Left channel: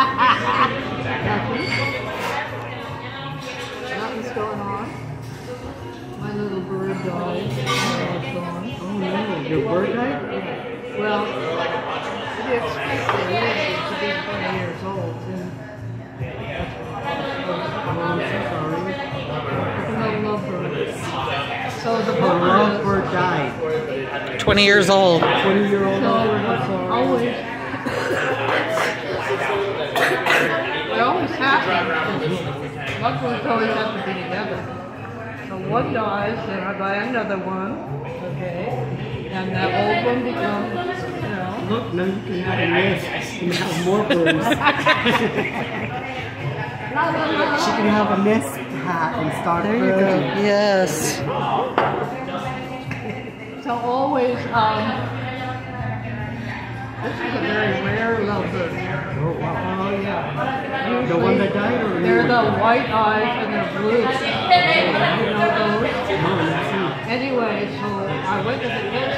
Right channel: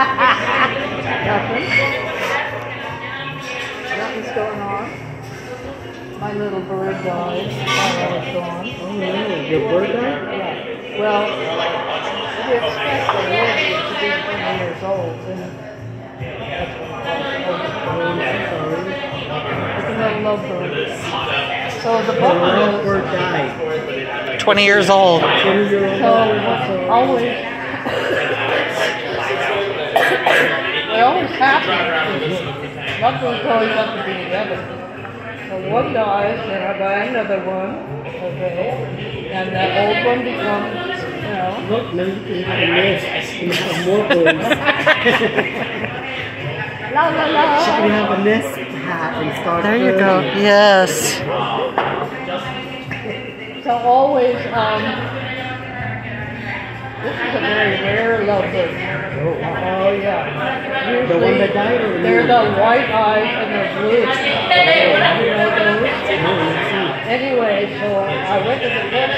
Nothing. Nothing's going on. My little bird died while I was gone. Oh no, your bird died? Yeah. Well, we expect the bird to be 20 years old, and that's what it's a lovebird. So the lovebird died. 20 years old. 20-year-old. So always, what always happens is lovebirds always have to be together. So one dies, then I buy another one, okay, and that old one becomes, you know. Look, now you can have a nest and have more birds. La la la. She can have a nest hat and start There you go. birding. Yes. So always, this is a very rare lovebird. Oh wow. Oh yeah. Usually, The one that died or they're you? the white eyes and the blue. You know those? No, let's see. Anyway, so I went to the pet